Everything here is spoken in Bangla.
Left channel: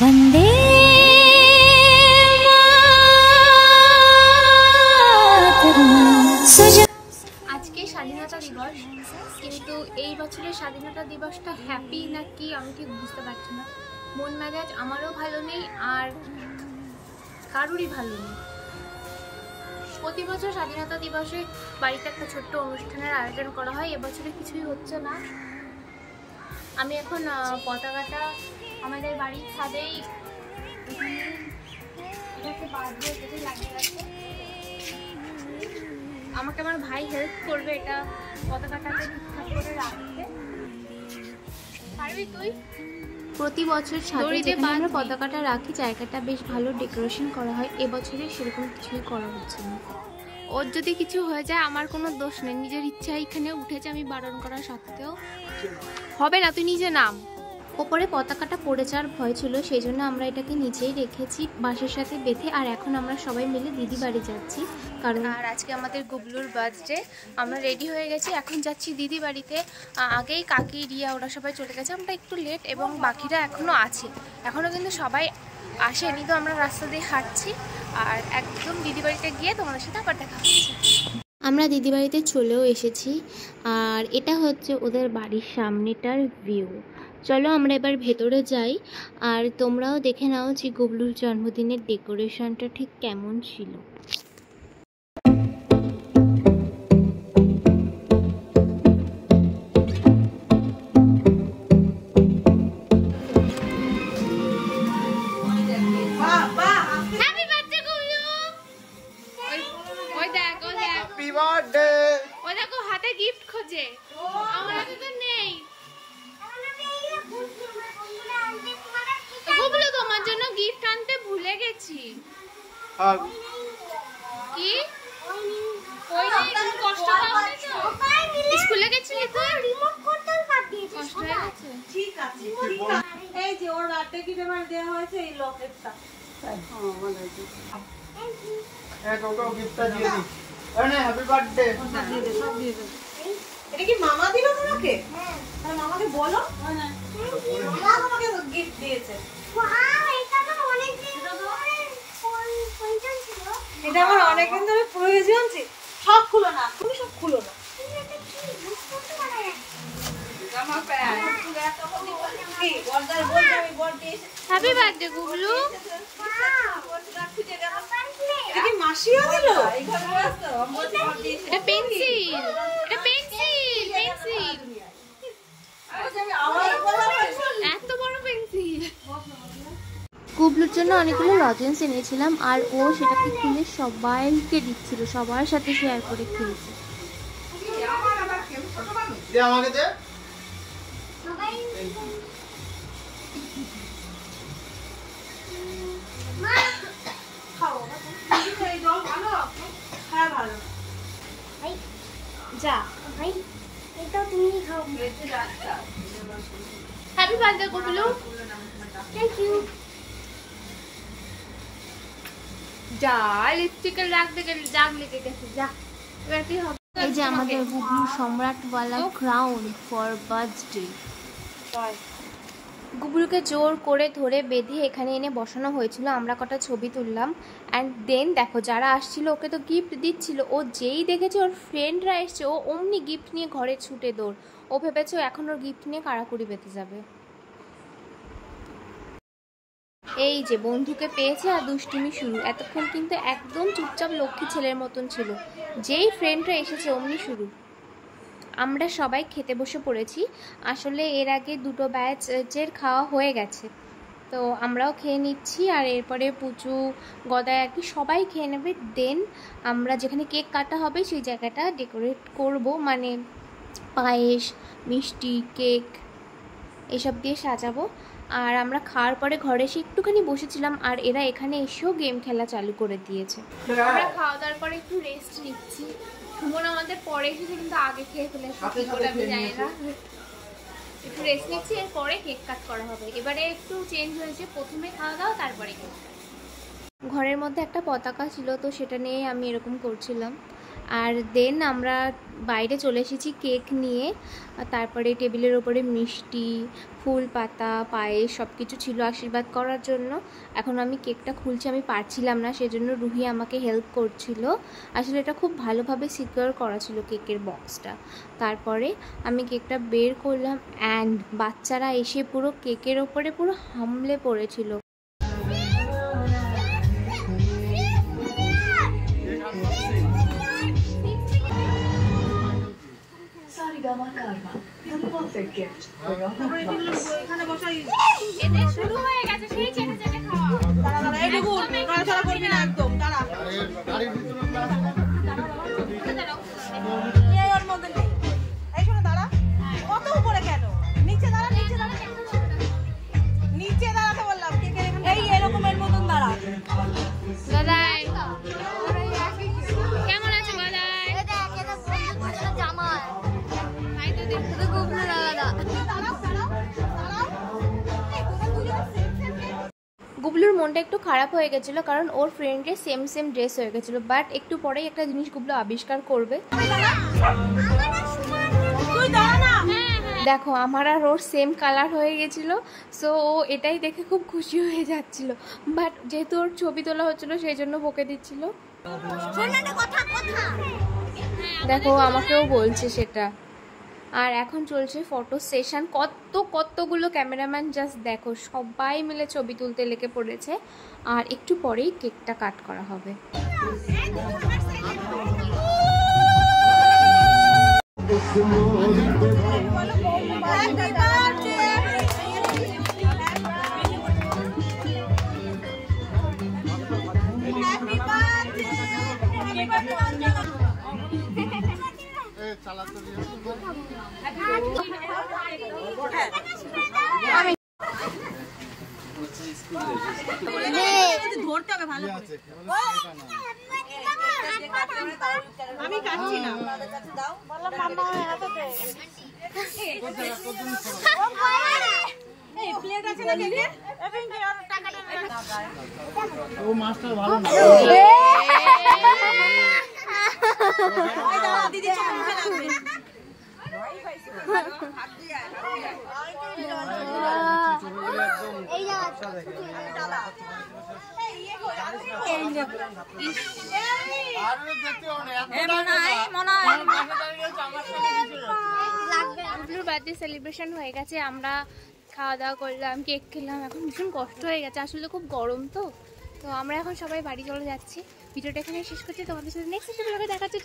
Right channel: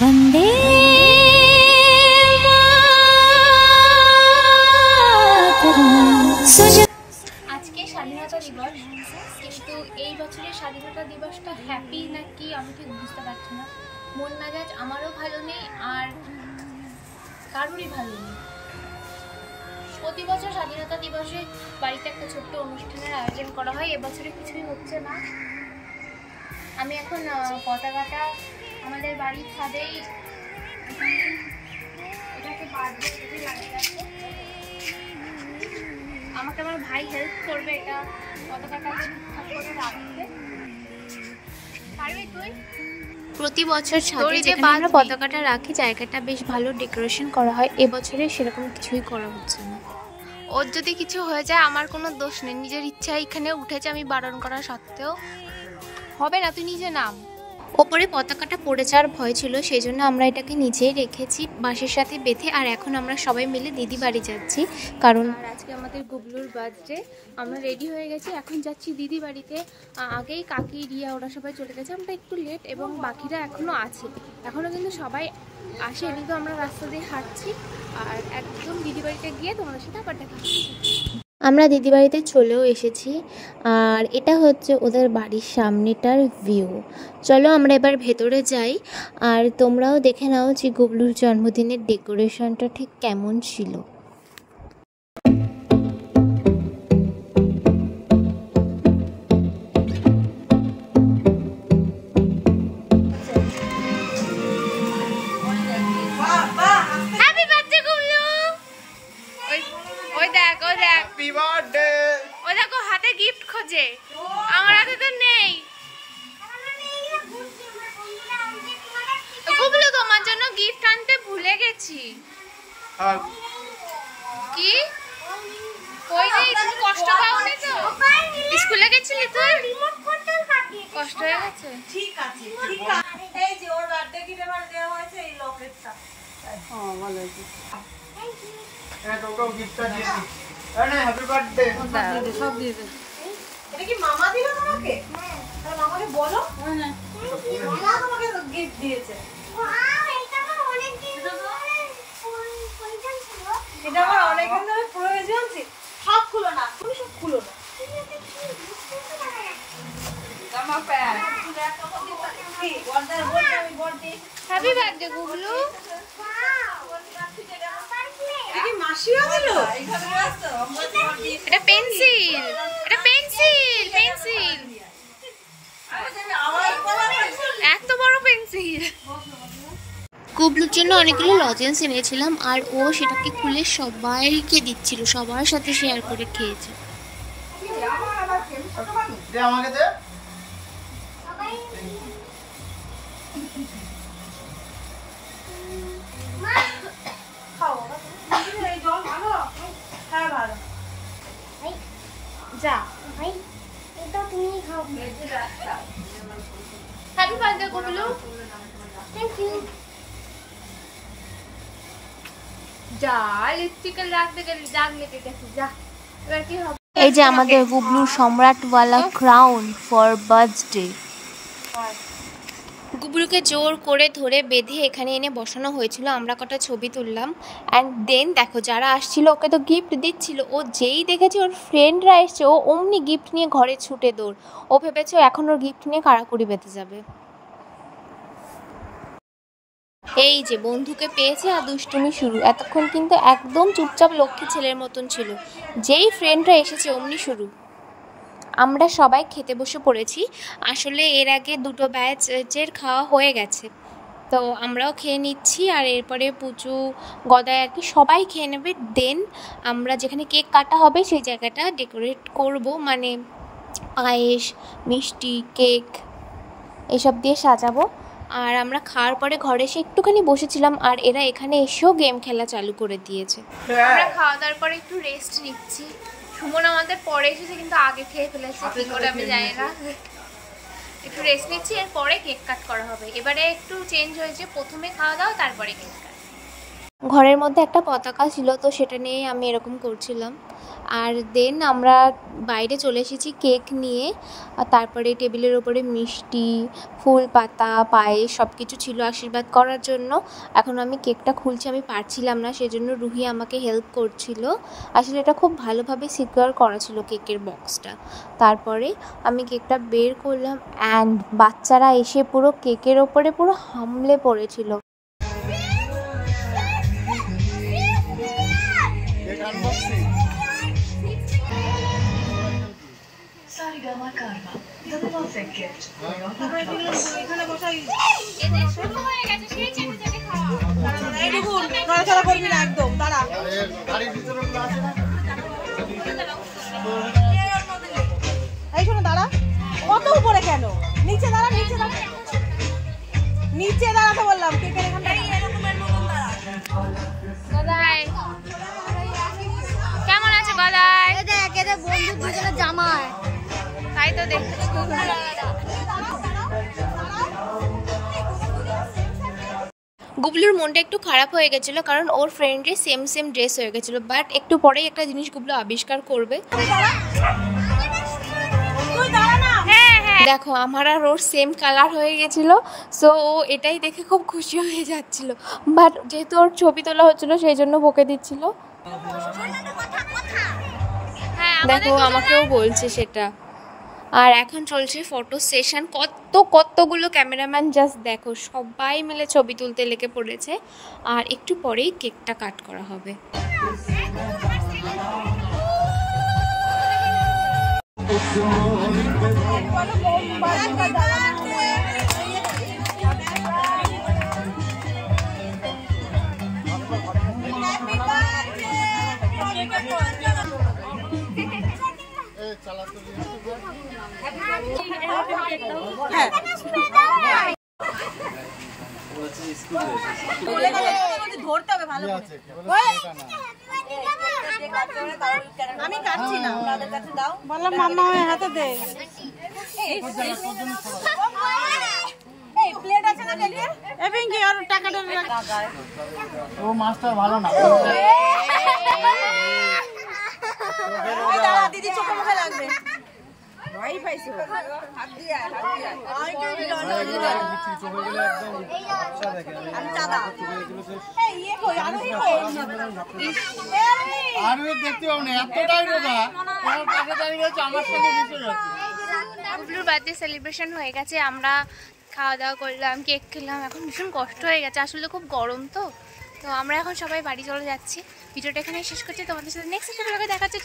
বন্দে আজকে স্বাধীনতা দিবস, কিন্তু এই বছরের স্বাধীনতা দিবসটা হ্যাপি নাকি আমি ঠিক বুঝতে পারছি না। মন মেজাজ আমারও ভালো নেই আর কারুরই ভালো নেই। প্রতি বছর স্বাধীনতা দিবসে বাড়িতে একটা ছোট্ট অনুষ্ঠানের আয়োজন করা হয়, এবছরে কিছুই হচ্ছে না। আমি এখন পতাকাটা আমাদের বাড়ির ছাদেই এটাকে বাঁধবো, এটাকে লাগিয়ে আছে। আমাকে আমার ভাই হেল্প করবে এটা পতাকাটাকে ঠিকঠাক করে রাখতে। পারবি তুই? প্রতি বছর ছাদে যেখানে আমরা পতাকাটা রাখি জায়গাটা বেশ ভালো ডেকোরেশন করা হয়, এবছরে সেরকম কিছুই করা হচ্ছে না। ওর যদি কিছু হয়ে যায় আমার কোনো দোষ নেই, নিজের ইচ্ছা এখানে উঠেছে, আমি বারণ করা সত্ত্বেও। হবে না, তুই নিজে নাম। ওপরে পতাকাটা পড়ে যাওয়ার ভয় ছিল, সেই জন্য আমরা এটাকে নিচেই রেখেছি বাঁশের সাথে বেঁধে। আর এখন আমরা সবাই মিলে দিদি বাড়ি যাচ্ছি, কারণ আর আজকে আমাদের গুবলুর বার্থডে। আমরা রেডি হয়ে গেছি, এখন যাচ্ছি দিদি বাড়িতে। আগেই কাকি রিয়া ওরা সবাই চলে গেছে, আমরা একটু লেট এবং বাকিরা এখনও আছে, এখনও কিন্তু সবাই আসেনি। তো আমরা রাস্তা দিয়ে হাঁটছি আর একদম দিদি বাড়িতে গিয়ে তোমাদের সাথে আবার দেখা হচ্ছে। আমরা দিদি বাড়িতে চলেও এসেছি আর এটা হচ্ছে ওদের বাড়ির সামনেটার ভিউ। চলো আমরা এবার ভেতরে যাই আর তোমরাও দেখে নাও যে গুবলুর জন্মদিনের ডেকোরেশনটা ঠিক কেমন ছিল। ও দেখো হাতে গিফট খোঁজে, আমার হাতে তো নেই। গুবলু তোমার জন্য গিফট আনতে ভুলে গেছি। কি কই নেই? তুমি কষ্ট পাওনি তো? স্কুলে গেছিলি তুই? কষ্ট হয়ে গেছে? ঠিক আছে, ঠিক আছে। এই যে ওর বার্থডে গিফট এবার দেওয়া হয়েছে এই লকেটটা। হ্যাঁ ভালো হয়েছে। Thank you. এই ওকে গিফটটা দিয়ে দিই। Happy birthday. সব দিয়ে দিন। এটা কি মামা দিল তোমাকে? হ্যাঁ। তাহলে মামাকে বলো। হ্যাঁ। মামা তোমাকে গিফট দিয়েছে। ওয়াও, এটা আমার অনেক দিন ধরে পয়সা ছিল। এটা আমার অনেক দিন ধরে প্রয়োজন ছিল। সব খুলো না, তুমি সব খুলো না। জামা প্যান্ট। Happy birthday Gublu. এটা পেন্সিল, এটা পেন্সিল, পেন্সিল, এত বড় পেন্সিল। গুবলুর জন্য অনেকগুলো লজেন্স এনেছিলাম আর ও সেটাকে খুলে সবাইকে দিচ্ছিল, সবার সাথে শেয়ার করে খেয়েছে। যা ভাই, এটা তুমি খাও। Happy birthday Gublu. Thank you. যা লিপস্টিকের দাগ লেগে গেছে, যা এবার কি হবে? এই যে আমাদের গুবলুর সম্রাটওয়ালা ক্রাউন ফর বার্থডে। গুবলুকে জোর করে ধরে বেঁধে এখানে এনে বসানো হয়েছিল, আমরা কটা ছবি তুললাম। অ্যান্ড দেন দেখো যারা আসছিল ওকে তো গিফট দিচ্ছিল, ও যেই দেখেছে ওর ফ্রেন্ডরা এসছে ও অমনি গিফট নিয়ে ঘরে ছুটে দৌড়। ও ভেবেছে এখন ওর গিফট নিয়ে কাড়াকুড়ি বেঁধে যাবে। এই যে বন্ধুকে পেয়েছে আর দুষ্টুমি শুরু। এতক্ষণ কিন্তু একদম চুপচাপ লক্ষ্মী ছেলের মতন ছিল, যেই ফ্রেন্ডরা এসেছে অমনি শুরু। আমরা সবাই খেতে বসে পড়েছি, আসলে এর আগে দুটো ব্যাচের খাওয়া হয়ে গেছে, তো আমরাও খেয়ে নিচ্ছি। আর এরপরে পুচু গদায় আর কি সবাই খেয়ে নেবে। দেন আমরা যেখানে কেক কাটা হবে সেই জায়গাটা ডেকোরেট করব, মানে পায়েস, মিষ্টি, কেক এসব দিয়ে সাজাবো। আর আমরা খাওয়ার পরে ঘরে এসে একটুখানি বসেছিলাম আর এরা এখানে এসেও গেম খেলা চালু করে দিয়েছে। আমরা খাওয়া দাওয়ার পরে একটু রেস্ট নিচ্ছি। সুমন আমাদের পরে এসেছে কিন্তু আগে খেয়ে ফেলেছে, কি করে আমি জানি না। একটু রেস্ট নিচ্ছি, এরপরে কেক কাট করা হবে। এবারে একটু চেঞ্জ হয়েছে, প্রথমে খাওয়া দাওয়া তারপরে কেক কাট। ঘরের মধ্যে একটা পতাকা ছিল, তো সেটা নিয়ে আমি এরকম করছিলাম। আর দেন আমরা বাইরে চলে এসেছি কেক নিয়ে। আর তারপরে টেবিলের ওপরে মিষ্টি, ফুল পাতা, পায়েস সব কিছু ছিল আশীর্বাদ করার জন্য। এখন আমি কেকটা খুলছি, আমি পারছিলাম না, সেজন্য রুহি আমাকে হেল্প করছিল। আসলে এটা খুব ভালোভাবে সিকিউর করা ছিল কেকের বক্সটা। তারপরে আমি কেকটা বের করলাম অ্যান্ড বাচ্চারা এসে পুরো কেকের ওপরে পুরো হামলে পড়েছিল। কেমন আছে গদাই? তাই তো দেখতে। গুবলুর মনটা একটু খারাপ হয়ে গেছিলো কারণ ওর ফ্রেন্ডের সেম সেম ড্রেস হয়ে গেছিলো, বাট একটু পরেই একটা জিনিস গুবলু আবিষ্কার করবে। দেখো আমার আর ওর সেম কালার হয়ে গেছিলো, সো ও এটাই দেখে খুব খুশি হয়ে যাচ্ছিলো, বাট যেহেতু ওর ছবি তোলা হচ্ছিলো সেই জন্য বকে দিচ্ছিল। দেখো আমাকেও বলছে সেটা। আর এখন চলছে ফটো সেশন, কতগুলো ক্যামেরাম্যান জাস্ট দেখো, সবাই মিলে ছবি তুলতে লেগে পড়েছে। আর একটু পরেই কেকটা কাট করা হবে। ধরতে হবে ভালো করে। আমি কাটছি না, বললাম মাম্মা আমার হাতে দে। এই প্লেট আছে না কেকের? এবং কি আর টাকাটা ও মাস্টার ভালো না। ওই দাঁড়া দিদি চোখ মুখে লাগবে। ভাই পাইছে হাত দিয়া এই আচ্ছা দেখে আমি দাদা এই ইয়ে কই আমি কই আর দেখতে পাও না এত টাইম লাগা আমার পাশে দাঁড়িয়ে আছে আমার সাথে মিশে যাচ্ছে। গুবলুর বার্থডে সেলিব্রেশন হয়ে গেছে, আমরা খাওয়া দাওয়া করলাম, কেক খেলাম। এখন ভীষণ কষ্ট হয়ে গেছে, আসলে খুব গরম তো আমরা এখন সবাই বাড়ি চলে যাচ্ছি। ভিডিওটা এখানে শেষ করছি, তোমাদের সাথে নেক্সট ভিডিওতে দেখা হচ্ছে।